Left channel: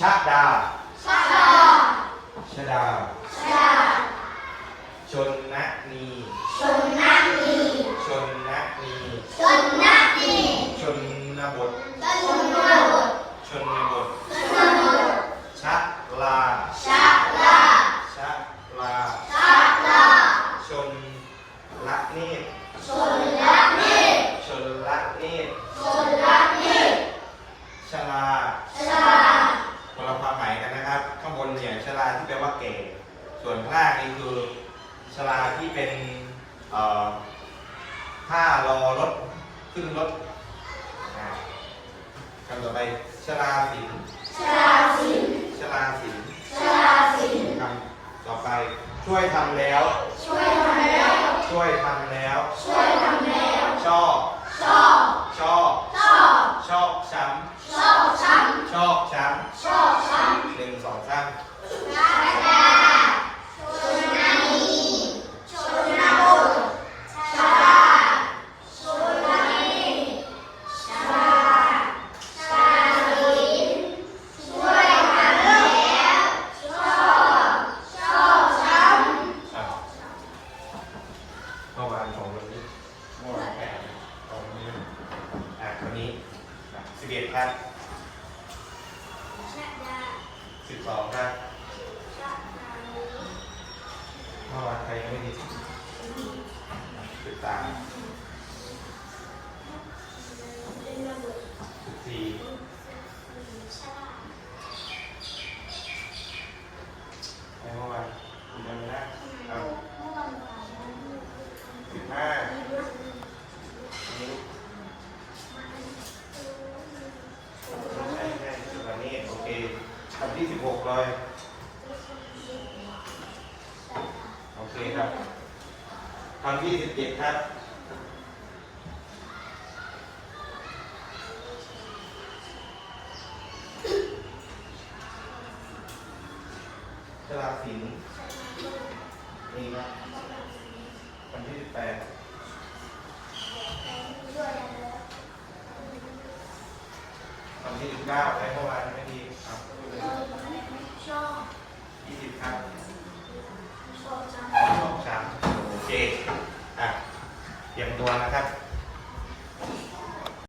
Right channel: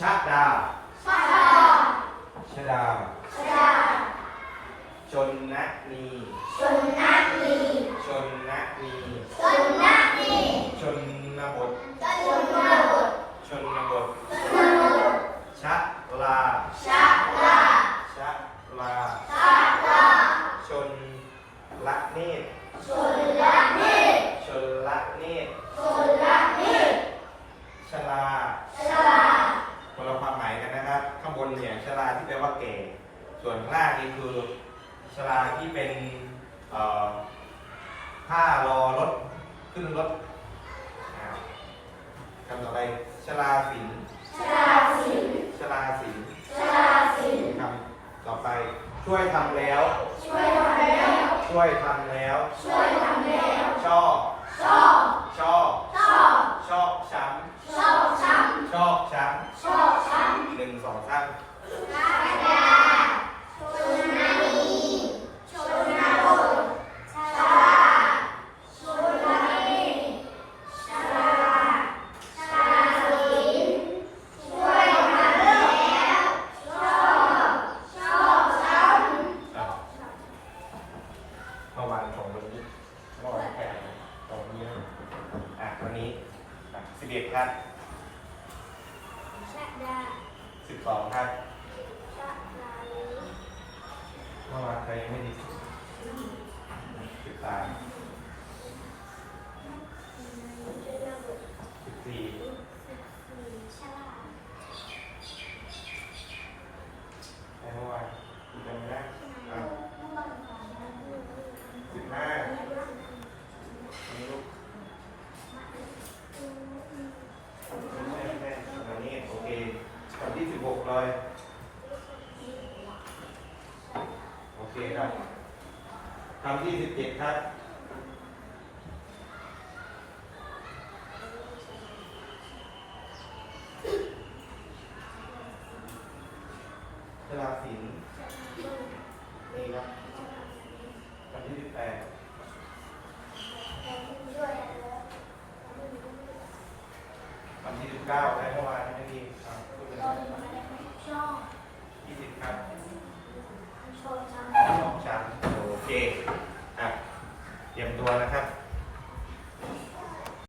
ชะดาชาดาชดาชาดา ชนนะนี ชนนานี ชนนะนี ชนนานี ชนนบท ชนนาบท ชนนบท ชนนาบท ชะลาชาลา ชะลาชาลา ชนละเนตรชนละนีชนละเนตร ชนละนี ชลา ชลา คนละความหมายกันนะครับ ข้างบนเนี่ยชลาที่แปลว่าแก่ ส่วนข้างล่างนี่คือชลาที่เป็นเอ่อผ้ารอรถขึ้นรถอ่าคำต่อไปชลาสินชลาสินชลาสินชลาสินคำต่อไปช่วยทำแล้ว ช่วยทำแล้ว ช่วยทำแล้ว ช่วยทำแล้ว ชอบ ชอบ ชอบ ชอบ ชอบช้ชอบช้ำชอบช้ำชอบช้ำหนึ่งสองสาม เอ็ดครับสิบสองครับเมื่อวานใครยังไม่มีสิบสามสิบสี่ ชา ใครเมื่อวานยังไม่ได้เอาสิบห้านี้ใช่ใช่ตอนนี้โอเควันที่สิบห กเลย โอเคครับคำที่สิบเจ็ดครับตลาสินดีป่ะวันที่สิบแปดวันที่สิบเก้าและเมื่อวานไม่ดีครับ ชอบยี่สิบครับชอบจังสองชั้นโอเค อะ เตรียมตัวนะครับ